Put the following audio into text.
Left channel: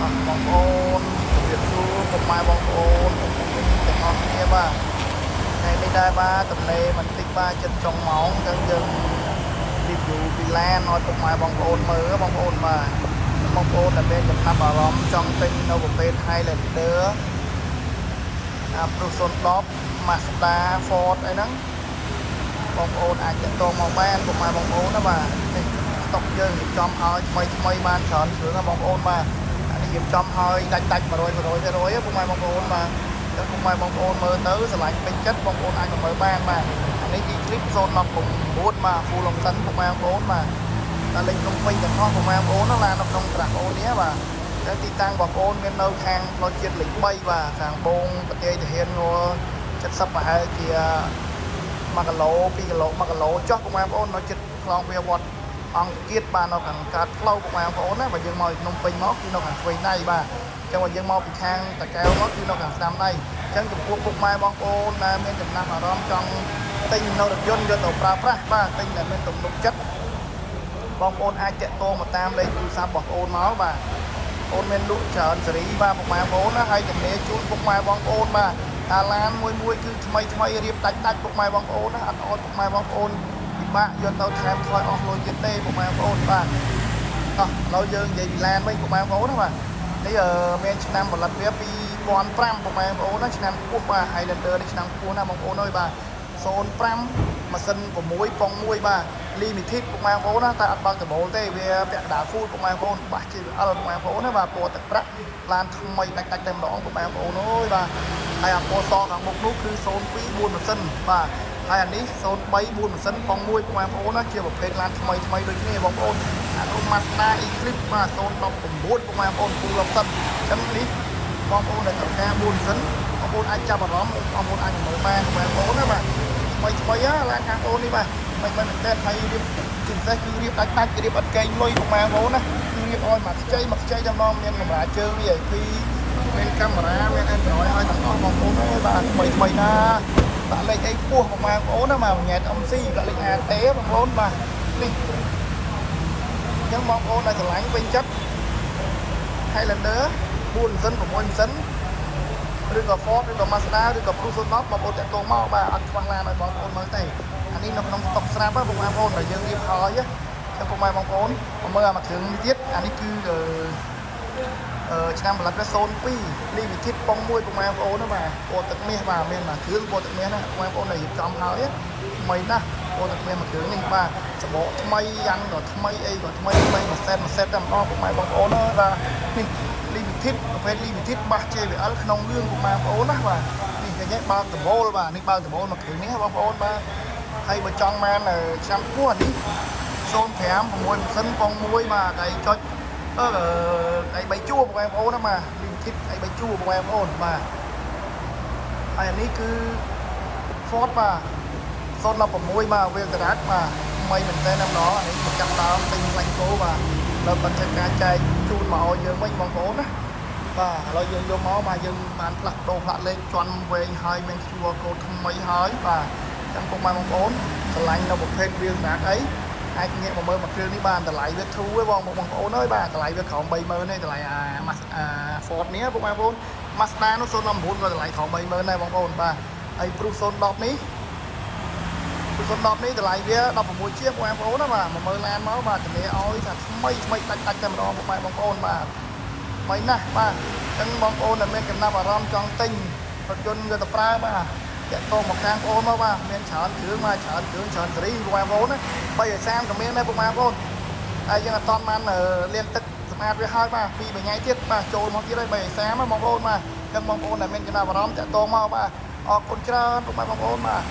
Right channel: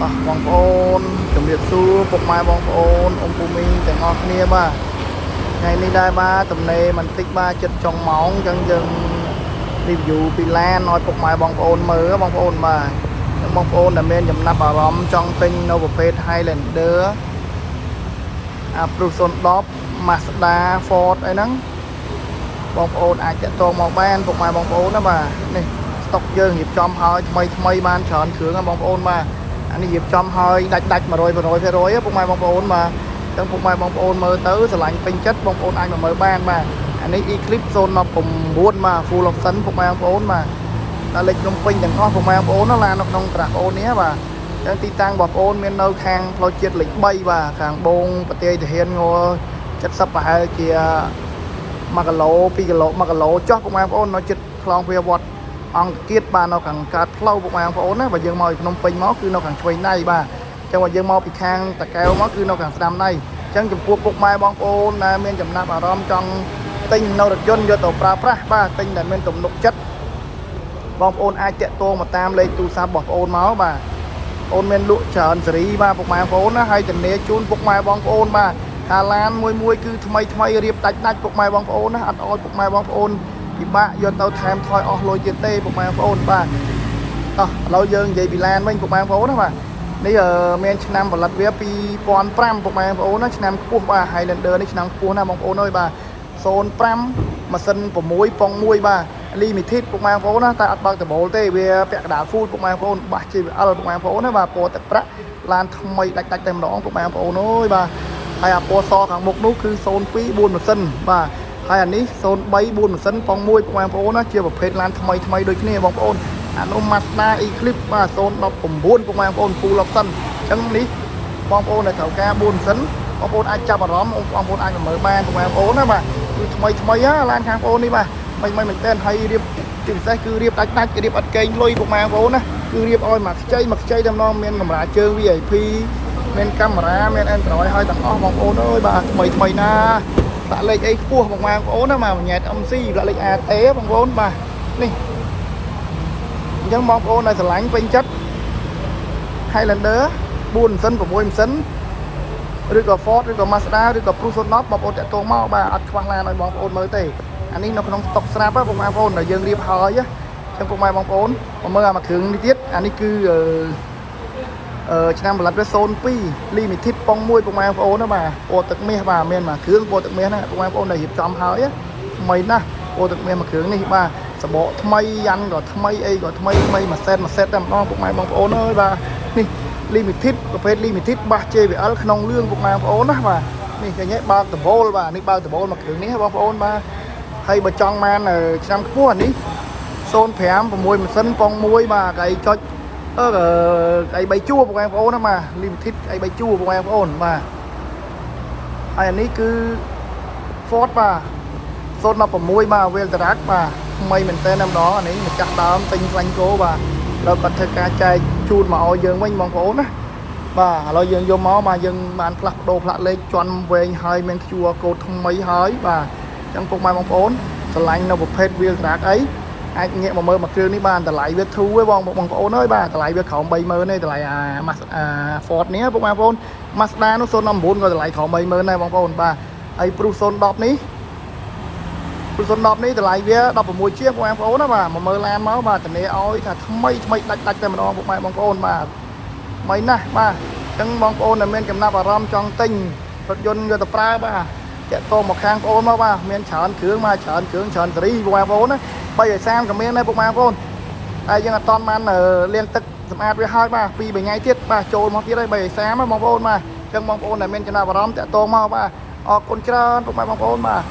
បងប្អូនជំរាបសួរពុកម៉ែបងប្អូនអង្គមីទាំងអស់គ្នាបាទថ្ងៃនេះដែរបាទទំនេរបន្តិចបាទចិត្តចុងម៉ោងអញ្ចឹងយើង review ពីឡានឲ្យពុកម៉ែបងប្អូនមើលបងប្អូនបាទបងប្អូនដែលមានចំណាប់អារម្មណ៍ចង់ទិញនៅប្រភេទ Highlander Pro 010 Mazda Ford អីហ្នឹងបងប្អូនអាចទាក់ទងមកបានពុកម៉ែបងប្អូនណាបាទនេះស្តុកយើងរៀបចំឲ្យថ្មីបានច្រើនគ្រឿងណាបងប្អូនបាទអានេះរៀបចំឲ្យដាច់100%ពុកម៉ែបងប្អូនបាទចឹងពុកម៉ែបងប្អូនមើលទៅស្រឡាញ់ពេញចិត្តបងប្អូនអាចមកមើលបានបាទអានេះ Eclipse 019បាទ full option ពុកម៉ែបងប្អូនបាទដល់លេខភ្នំពេញទាំងអស់ពុកម៉ែបងប្អូនណាឡាននៅក្នុងត្រាស់អូននេះបាទចឹងទីតាំងបងប្អូនមាននៅខាងផ្លូវជាតិលេខ3បាទខាងបងប្រទេសទាហានង70ប្រហែលជា1គីឡូ2គីឡូ1គីឡូចុះពុកម៉ែបងប្អូននៅចិត្តខ្លងវាវត្តអង្គទៀតបាទនៅខាងកើតផ្លូវពុកម៉ែបងប្អូនណាបើយើងមកពីភ្នំពេញមកគឺនៅខាងឆ្វេងដៃបាទចឹងបើយើងមកពីខាងតាកែវមកគឺនៅខាងស្ដាំដៃចឹងចំពោះពុកម៉ែបងប្អូនដែលមានចំណាប់អារម្មណ៍ចង់ទិញនៅរថយន្តយកទៅប្រើប្រាស់បាទទិញដែលមានទំនុកចិត្តបងប្អូនអាចតាក់ទងមកតាមលេខទូរស័ព្ទបងប្អូនមកបាទអូនមានលក់ច្រើនសេរីបាទពុកម៉ែបងប្អូនណាហើយជំនាញជូនពុកម៉ែបងប្អូនបាទអាឡានមួយគឺថ្មីរៀបដាច់ពុកម៉ែបងប្អូនណាអត់អោយពុកម៉ែបងប្អូនពិបាកយកទៅថែមថយអស់លុយទៀតទេពុកម៉ែបងប្អូនបាទឥឡូវយើងនិយាយពីឡានវិញពុកម៉ែបងប្អូនណាបាទនេះមានឆ្នាំផលិតវា2005ពុកម៉ែបងប្អូនណាឆ្នាំខ្ពស់បាទ Highlander នេះឆ្នាំខ្ពស់ណាបងប្អូនអើយបាទ05ម៉ាស៊ីន6ប៉ុង1បាទ limited ពុកម៉ែបងប្អូនណាតែអត់បើកដបូលទេវាពាក់កណ្ដាល full ពុកម៉ែបងប្អូនបាស JBL ពុកម៉ែបងប្អូនណាបាទពណ៌ទឹកប្រាក់ឡានថ្មីដាច់តែម្ដងពុកម៉ែបងប្អូនអើយបាទហើយអាពណ៌សខាងមុខនោះគឺ02 4ម៉ាស៊ីនបាទហើយអានេះ03 4ម៉ាស៊ីនប៉ុង1ពុកម៉ែបងប្អូនណាជាប្រភេទឡានថ្មីដូចគ្នាបងប្អូនអានោះ Mazda Eclipse បាទ019ពុកម៉ែបងប្អូន full option អញ្ចឹងនេះបងប្អូនដែលត្រូវការ4ម៉ាស៊ីនបងប្អូនអាចចាប់អារម្មណ៍បងប្អូនអាចមើលបានពុកម៉ែបងប្អូនណាបាទថ្មីឡានខាងបងប្អូននេះបាទមិនមែនតែហើយរៀបទីពិសេសគឺរៀបដាច់រៀបអត់កេងលុយពុកម៉ែបងប្អូនណាគឺរៀបឲ្យមកខ្ចីតែម្ដងមានកម្រាលជើង VIP មានកាមេរ៉ាមាន Android ឲ្យទាំងអស់បងប្អូនអើយបាទថ្មីណាដាក់លេខអីខ្ពស់បងប្អូនណាមកញ៉ែត MC ដាក់លេខ AT បងប្អូនបាទនេះអញ្ចឹងបងប្អូនដែលស្រឡាញ់ពេញចិត្ត Highlander 4ម៉ាស៊ីន6ម៉ាស៊ីនឬក៏ Ford ឬក៏ Mazda ឬក៏ Pro 010បងប្អូនតាក់ទងមកបាទអត់ខ្វះឡានឲ្យបងប្អូនមើលទេអានេះនៅក្នុងស្តុកស្រាប់បងប្អូនដែលយើងរៀបហើយចឹងពុកម៉ែបងប្អូនមកមើលអាមួយគ្រឿងនេះទៀតអានេះគឺឆ្នាំផលិតវា02 limited ប៉ុង1ពុកម៉ែបងប្អូនណាបាទពណ៌ទឹកមាសបាទមានមួយគ្រឿងពណ៌ទឹកមាសណាពុកម៉ែបងប្អូនដែលរៀបចំហើយថ្មីណាស់ពណ៌ទឹកមាសមួយគ្រឿងនេះបាទសបកថ្មីយ៉ាន់ក៏ថ្មីអីក៏ថ្មីមួយសេតតែម្ដងពុកម៉ែបងប្អូនអើយបាទនេះ limited ប្រភេទ limited បាស JBL ក្នុងលឿងពុកម៉ែបងប្អូនណាបាទនេះឃើញទេបើកដបូលបាទនេះបើកដបូលមួយគ្រឿងនេះបងប្អូនបាទហើយបើចង់បានឆ្នាំខ្ពស់នេះ05 6ម៉ាស៊ីនប៉ុង1បាទកៃចុចកៃ3ជួរបងប្អូនណាបាទ limited កៃ3ជួរបងប្អូនបាទហើយអានេះគឺ Ford បាទ016បាទ Velterac បាទថ្មីមែនតើម្ដងអានេះម្ចាស់ដើមទិញខ្លាញ់គោបាទដល់គាត់ធ្វើការចែកជូនមកឲ្យយើងវិញបងប្អូនណាបាទឥឡូវយើងយកមកបាទយើងបានផ្លាស់ប្ដូរផ្លាកលេខជន់វែងហើយមាន QR code ថ្មីហើយបាទអញ្ចឹងពុកម៉ែបងប្អូនឆ្លាញ់នៅប្រភេទ Velterac អីអាចងាកមកមើលមួយគ្រឿងនេះបានតម្លៃវាធូរទេបងប្អូនអើយបាទតម្លៃវាក្រោម 30000 ទេតម្លៃFord នេះពុកម៉ែបងប្អូន Mazda នោះ019ក៏តម្លៃក្រោម 30000 ដែរបងប្អូនបាទហើយ Pro 010នេះPro 010នេះតម្លៃវា16ជាងបងប្អូនណាបាទមកមើលឡានមកបាទតម្លៃឲ្យថាថ្មីដាច់តែម្ដងពុកម៉ែបងប្អូនបាទថ្មីណាស់បាទអញ្ចឹងបងប្អូនដែលមានចំណាប់អារម្មណ៍ចង់ទិញរថយន្តយកទៅប្រើបាទតាក់ទងមកខាងបងប្អូនមកបាទមានច្រើនគ្រឿងមកច្រើនសេរីបងប្អូនណា330ក៏មានដែរពុកម៉ែបងប្អូនហើយយើងអត់តន់បានលាងទឹកសម្អាតវាហើយបាទ2 3ថ្ងៃទៀតបាទចូលមកទៀតហើយ330បងប្អូនបាទអញ្ចឹងបងប្អូនដែលមានចំណាប់អារម្មណ៍តាក់ទងមកបាទអរគុណច្រើនពុកម៉ែបងប្អូនបាទ